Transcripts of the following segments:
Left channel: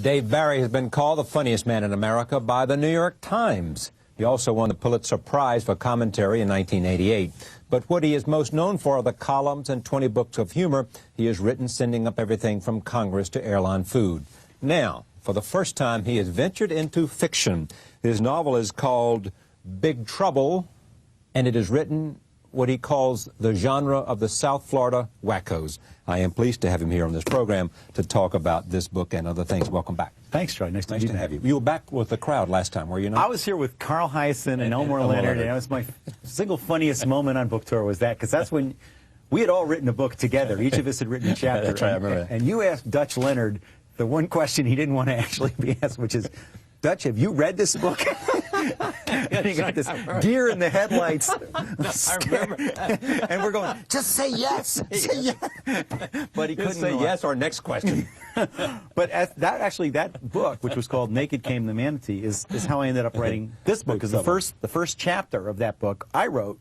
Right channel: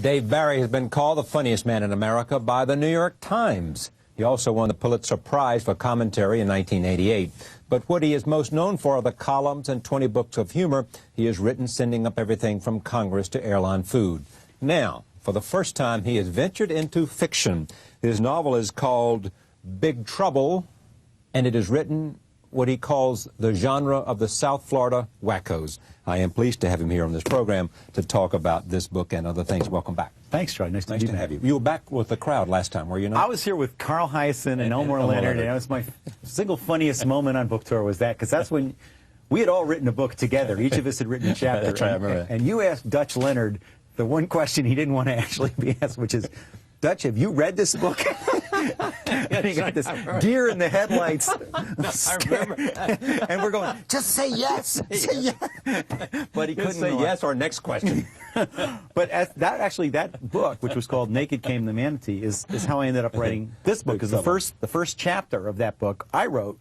Dave Barry has been called the funniest man in America by the New York Times. He also won the Pulitzer Prize for commentary in 1988. But what he is most known for are the columns and 20 books of humor he has written, sending up everything from Congress to airline food. Now, for the first time, he has ventured into fiction. His novel is called Big Trouble, and it is written what he calls the genre of the South Florida wackos. I am pleased to have him here on this program to talk about this book and other things. Welcome back. Thanks, Troy. Nice to have you. You were back with the crowd last time, were you not? I was here with Carl Hyacin and Elmore Leonard, and that was my single funniest moment on book tour was that, because that's when we had all written a book together. Each of us had written a chapter. That's right, I remember. And you asked Dutch Leonard the one question he didn't want to actually be asked, which is, Dutch, have you read this book? And he got this deer in the headlights. I remember. And we're going, just say yes. Say yes. But he couldn't say yes or next question. But that book, which was called Naked Came the Manatee, is how I ended up writing this book. Because the first chapter of that book I wrote,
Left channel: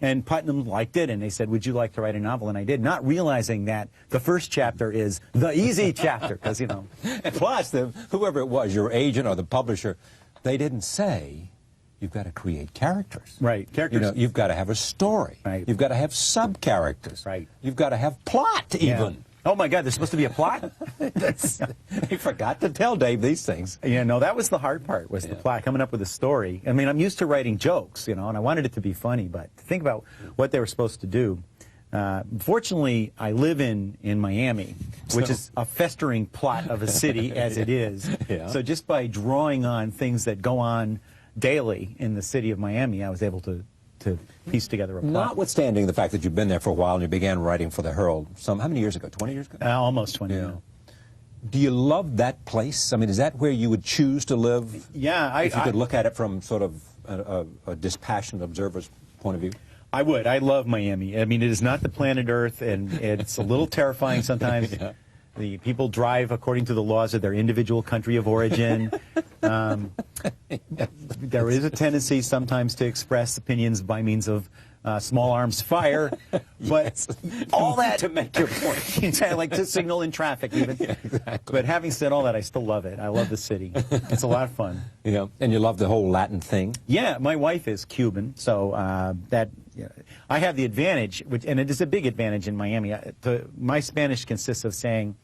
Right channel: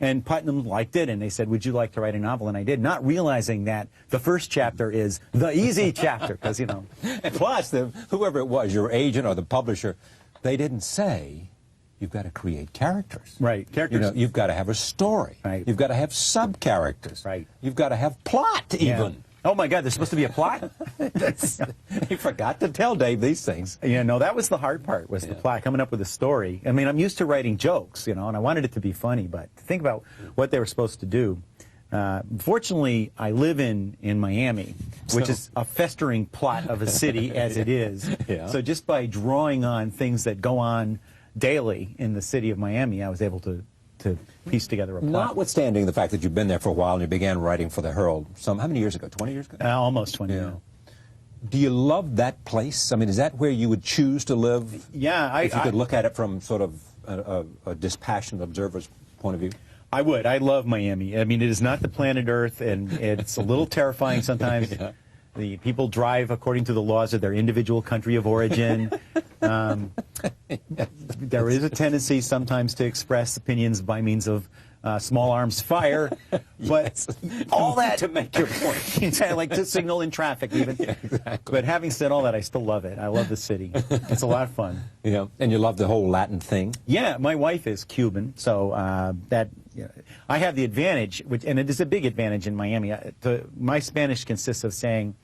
and Putnam liked it, and they said, would you like to write a novel? And I did, not realizing that the first chapter is the easy chapter, because, you know. And plus, whoever it was, your agent or the publisher, they didn't say you've got to create characters. Right. Characters. You know, you've got to have a story. Right. You've got to have sub-characters. Right. You've got to have plot, even. Yeah. Oh, my God, there's supposed to be a plot? They forgot to tell Dave these things. Yeah, no, that was the hard part, was the plot, coming up with a story. I mean, I'm used to writing jokes, you know, and I wanted it to be funny, but to think about what they were supposed to do. Fortunately, I live in Miami, which is a festering plot of a city as it is. Yeah. So just by drawing on things that go on daily in the city of Miami, I was able to piece together a plot. Notwithstanding the fact that you've been there for a while and you began writing for the Herald how many years ago? 20 years ago? Almost 20 years. Do you love that place? I mean, is that where you would choose to live? Yeah. If you could look at it from sort of a dispassionate observer's point of view? I would. I love Miami. I mean, it is not the planet Earth, and it's a little terrifying sometimes. Yeah. The people drive according to the laws of their individual country of origin. There is a tendency sometimes to express opinions by means of small arms fire, but all that to make your point. Like to signal in traffic even. Yeah, exactly. But having said all that, I still love it. I love the city. It's a lot of fun. Yeah, and you love the whole Latin thing? Yeah, my wife is Cuban, so I have the advantage, and it is a big advantage in Miami. My Spanish consists of saying,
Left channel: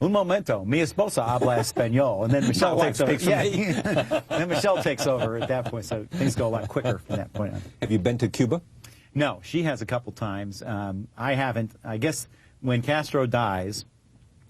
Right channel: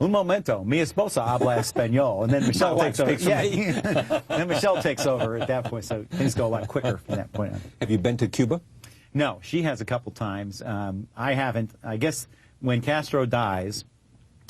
un momento, mi esposa habla español, and then Michelle takes over. Then Michelle takes over at that point, so things go a lot quicker from that point on. Have you been to Cuba? No, she has a couple times. I haven't. I guess when Castro dies,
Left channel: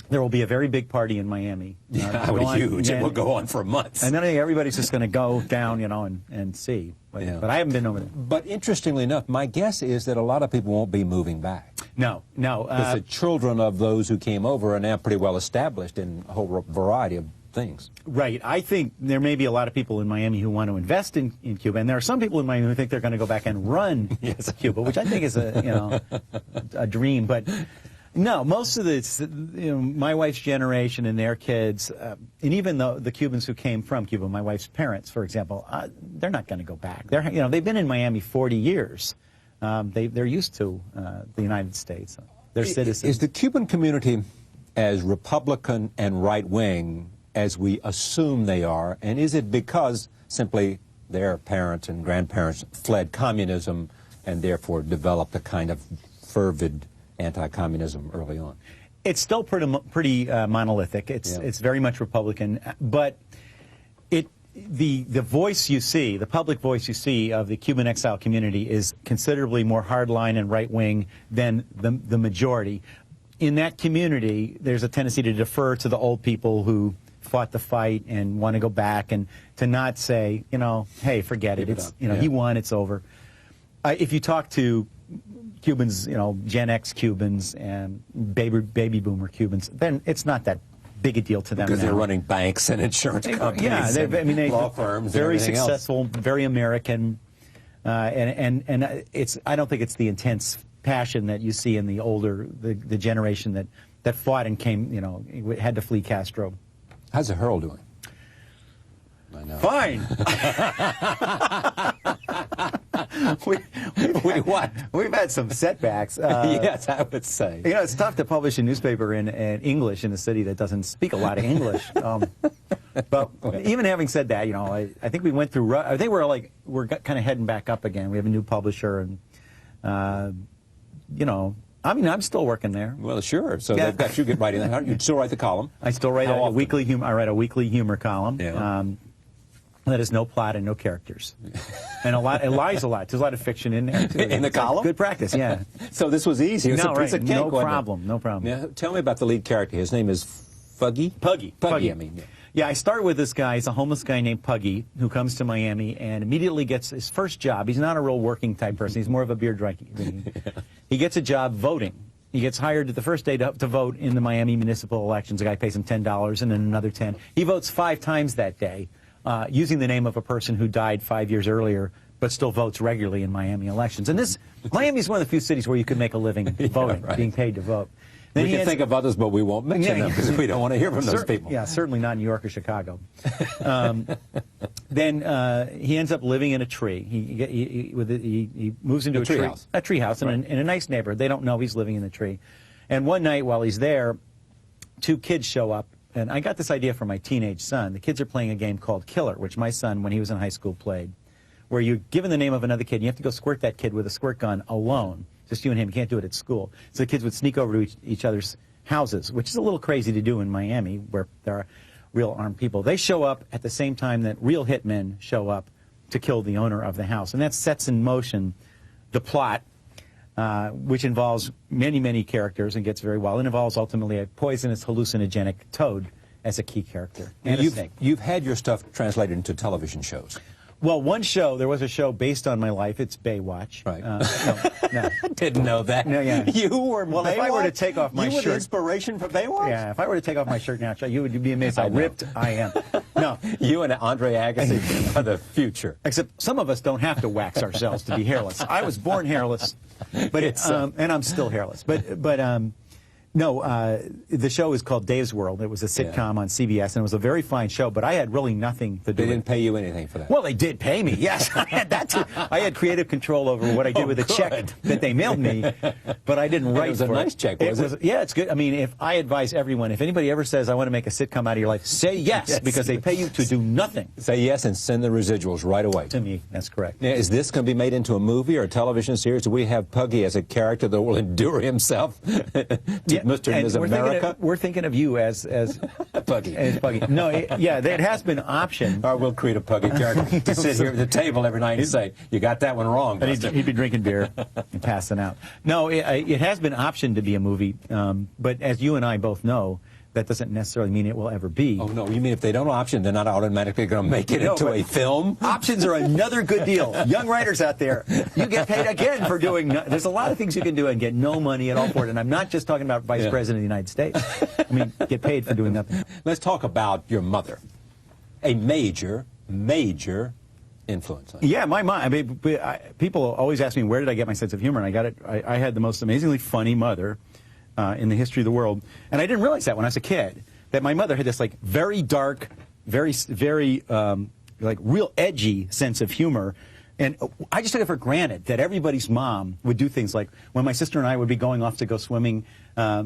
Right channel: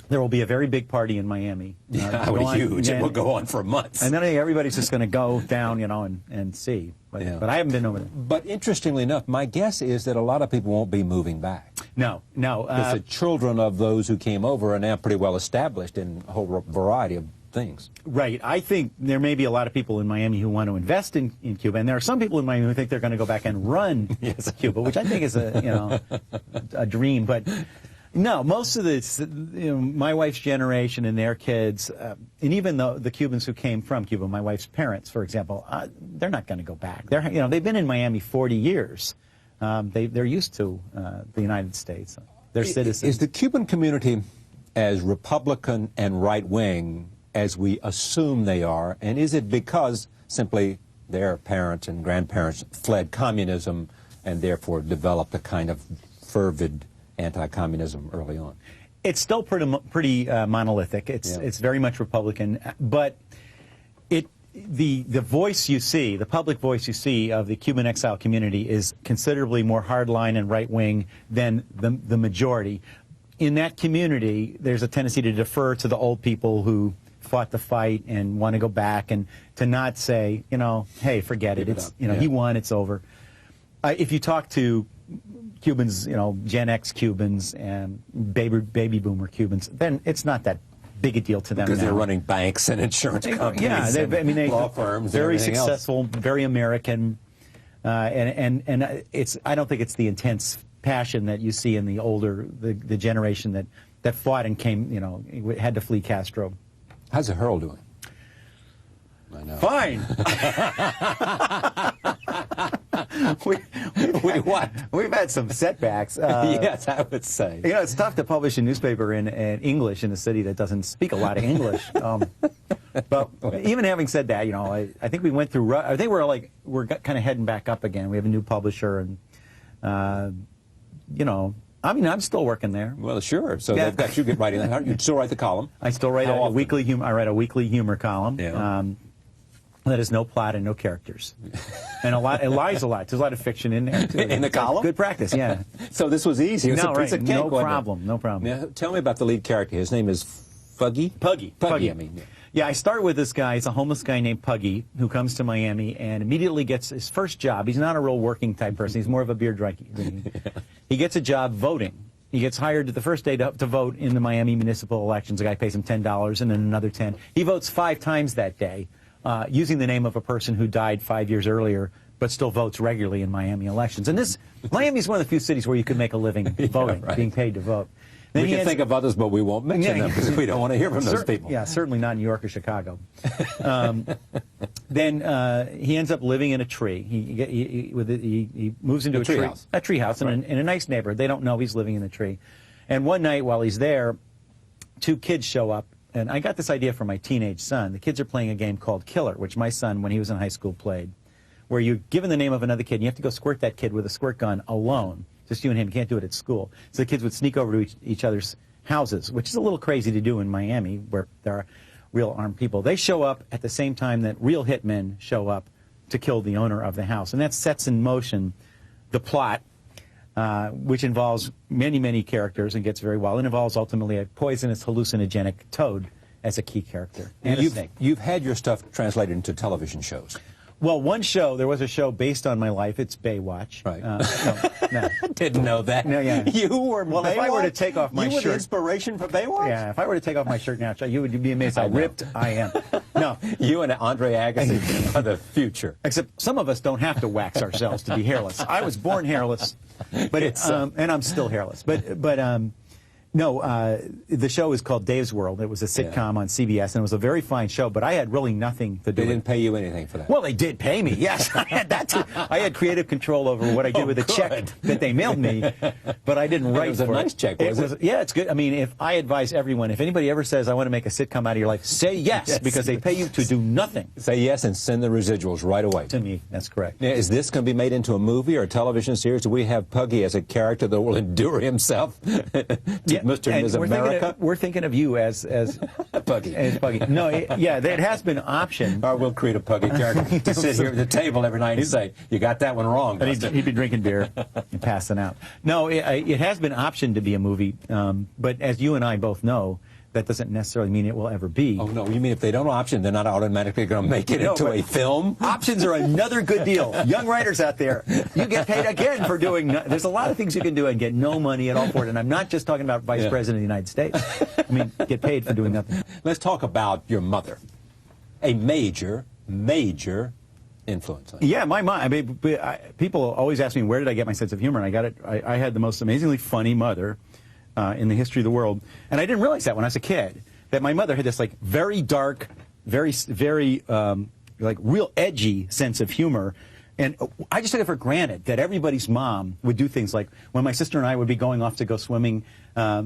there will be a very big party in Miami. Huge. It will go on for months. And then everybody's just going to go down, you know, and see. But I haven't been over there. But interestingly enough, my guess is that a lot of people won't be moving back. No. Because the children of those who came over are now pretty well established in a whole variety of things. Right. I think there may be a lot of people in Miami who want to invest in Cuba, and there are some people in Miami who think they're going to go back and run Cuba, which I think is a dream. But no, most of this, my wife's generation and their kids, and even the Cubans who came from Cuba, my wife's parents, for example, they're not going to go back. They've been in Miami 40 years. They're used to the United States. They're citizens. Is the Cuban community as Republican and right-wing as we assume they are, and is it because simply their parents and grandparents fled communism and therefore developed a kind of fervid anti-communism early on? It's still pretty monolithic. It's very much Republican, but the voice you see, the public voice you see of the Cuban exile community is considerably more hardline and right-wing than the majority. In that community, there's a tendency to defer to the old people who fought the fight and want to go back, and to not say, hey, forget it. It's he won, it's over. If you talk to Cubans, Gen X Cubans and baby boomer Cubans, then it's not that big a deal to them. Because they're running banks and insurance companies, law firms, very successful, very American, and I don't think it's the intense passion that you see in the older the generation that fought and came, had to flee Castro. How's the Herald doing? Fine. We've had some setbacks. Yes, I would say. You know, it's tough to publish a newspaper in English in a city that doesn't speak a lot of English. But even having said that, you know, I think we went through. I think we're kind of heading back up again. We have a new publisher, and you know, I mean, I'm still working there. Well, sure. So they've got you writing that. You still write the column. I still write a weekly humor. I write a weekly humor column. Yeah. That is no plot and no characters, and it lies a lot. There's a lot of fiction in there too. In the column. Good practice, yeah. So this was easy. It was a piece of cake. No problem. No problem. Now, tell me about the lead character. His name is Puggy. Puggy. I mean. Yeah. Yeah, I start with this guy. He's a homeless guy named Puggy who comes to Miami and immediately gets his first job. He's not a real working type person. He's more of a beer drinking. He gets a job voting. He gets hired the first day to vote in the Miami municipal elections. The guy pays him $10 and then another $10. He votes 5 times that day using the name of a person who died 5 years earlier but still votes regularly in Miami elections. And Miami is one of the few cities where you can make a living voting, right. Being paid to vote. Then we can think of others, but we won't mention them because we don't want to hear from those people. Yeah, certainly not New York or Chicago. Then he ends up living in a tree. He moves into a tree house. A tree house right. in a nice neighborhood. They don't know he's living in the tree. And one night while he's there, 2 kids show up. And I got this idea for my teenage son. The kids are playing a game called Killer, which my son, when he was in high school, played, where you're given the name of another kid. And you have to go squirt that kid with a squirt gun alone. Just you and him. You can't do it at school. So the kids would sneak over to each other's houses, which is a little crazy to do in Miami, where there are real armed people. They show up at the same time that real hitmen show up to kill the owner of the house. And that sets in motion the plot, which involves many, many characters and gets very well. It involves ultimately a poisonous hallucinogenic toad as a key character. And you've had your stuff translated into television shows. Well, there was a show based on my life. It's Baywatch. Right. No. Didn't know that. No, yeah. You were Well, if I were to take off my shirt. You were the inspiration for Baywatch? Yeah, if I were to take off my shirt now, you would be amazed how ripped I am. No. You and Andre Agassi are the future. Except some of us don't have to wax ourselves to be hairless. I was born hairless, but and I'm still hairless. No, the show is called Dave's World. It was a sitcom on CBS, and it was a very fine show, but I had really nothing to do. They didn't pay you anything for that? Well, they did pay me, yes. I had creative control over what I did with the check that they mailed me, but I didn't write for it. It was a nice check, was it? Yeah, it's good. I mean, if I advise everyone, if anybody ever says, I want to make a sitcom out of your life, say yes, because they pay you to do nothing. Say yes and send the residuals right away. To me, that's correct. Now, is this going to be made into a movie or a television series? Do we have Puggy as a character that will endure himself to Mr. and Ms. America? We're thinking of you as Puggy. No, yeah, that has been optioned. We'll create a Puggy character to sit here at the table every night and say, you got that one wrong. But he'd be drinking beer and passing out. No, it has been optioned to be a movie, but as you and I both know, that doesn't necessarily mean it will ever be. Oh, no, you mean if they don't option, they're not automatically going to make it into a film? Options are another good deal. Young writers out there, you get paid again for doing, there's a lot of things you can do and get no money at all for it. And I'm not just talking about Vice President of the United States. I mean, get paid for doing nothing. Let's talk about your mother. A major influence. Yeah, my mom. I mean, people always ask me, where did I get my sense of humor? And I got it. I had the most amazingly funny mother in the history of the world. And I didn't realize that when I was a kid, that my mother had this like very dark, very like real edgy sense of humor. And I just took it for granted that everybody's mom would do things like when my sister and I would be going off to go swimming, my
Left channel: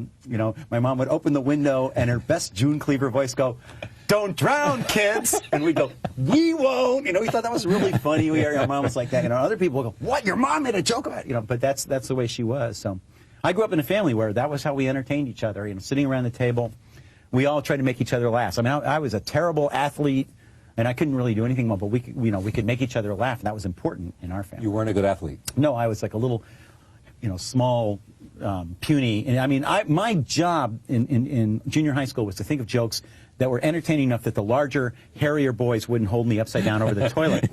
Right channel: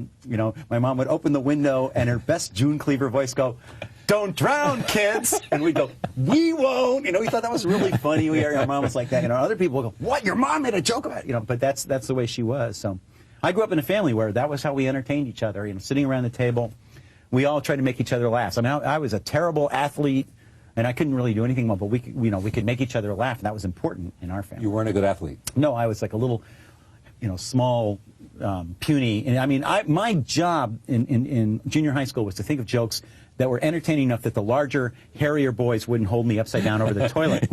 mom would open the window and her best June Cleaver voice go, "Don't drown, kids." And we'd go, "We won't." We thought that was really funny. Our mom was like that. And other people would go, "What? Your mom made a joke about it?" But that's the way she was. So I grew up in a family where that was how we entertained each other. Sitting around the table, we all tried to make each other laugh. I mean, I was a terrible athlete, and I couldn't really do anything well, but we could make each other laugh, and that was important in our family. You weren't a good athlete? No, I was like a little, small, puny. And I mean, my job in junior high school was to think of jokes that were entertaining enough that the larger, hairier boys wouldn't hold me upside down over the toilet.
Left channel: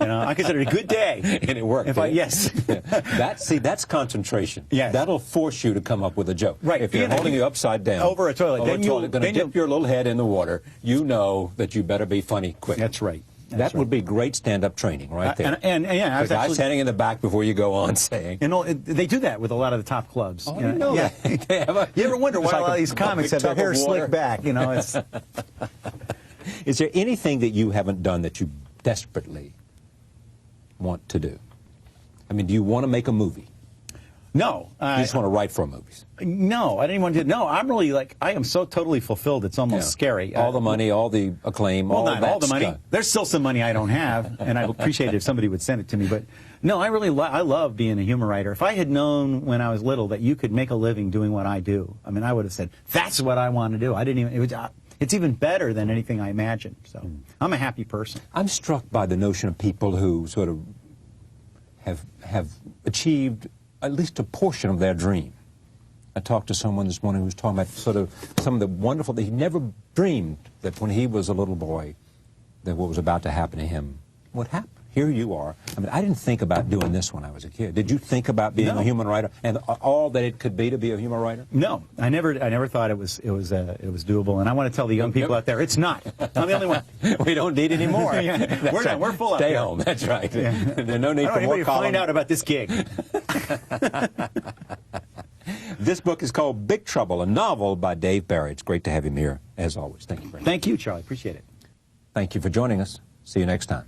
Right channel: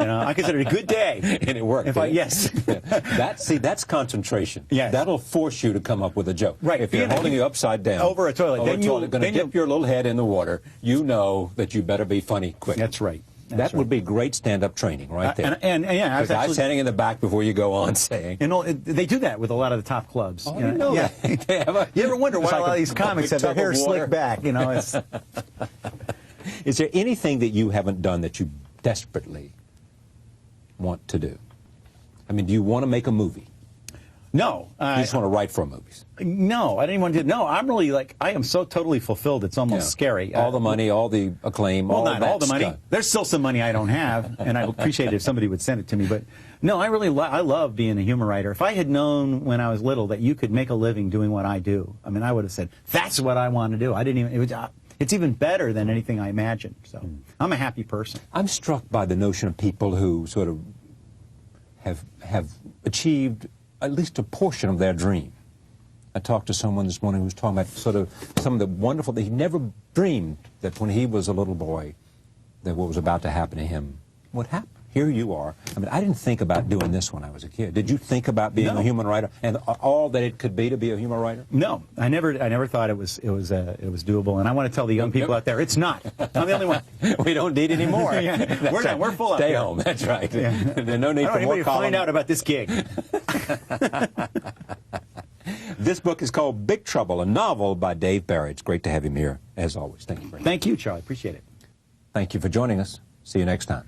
I considered it a good day. And it worked. Yes. That's concentration. Yes. That'll force you to come up with a joke. Right. If you're holding you upside down. Over a toilet. Then you're going to dip your little head in the water. You know that you better be funny quick. That's right. That would be great stand-up training right there. And I was actually standing in the back before you go on saying. And they do that with a lot of the top clubs. Oh, you know that. You ever wonder why a lot of these comics have their hair slicked back? Is there anything that you haven't done that you desperately want to do? I mean, do you want to make a movie? No. You just want to write for movies? No, I didn't want to. No, I'm really like, I am so totally fulfilled. It's almost scary. All the money, all the acclaim, well, all not that all the money. stuff. There's still some money I don't have, and I would appreciate it if somebody would send it to me. But no, I really I love being a humor writer. If I had known when I was little that you could make a living doing what I do, I mean, I would have said, that's what I want to do. I didn't even, it's even better than anything I imagined. So I'm a happy person. I'm struck by the notion of people who sort of have achieved at least a portion of their dream. I talked to someone this morning who was talking about sort of some of the wonderful, that he never dreamed that when he was a little boy that what was about to happen to him would happen. Here you are. I mean, I didn't think about doing this when I was a kid. Did you think about being a human writer and all that it could be to be a human writer? No, I never thought it was doable. And I want to tell the young people out there, it's not. I'm the only one. We don't need any more. We're full up. Stay home. That's right. Yeah. There's no need for more columns. Find out about this gig. This book is called Big Trouble, a novel by Dave Barry. It's great to have him here, as always. Thank you very much. Thank you, Charlie. Appreciate it. Thank you for joining us. See you next time.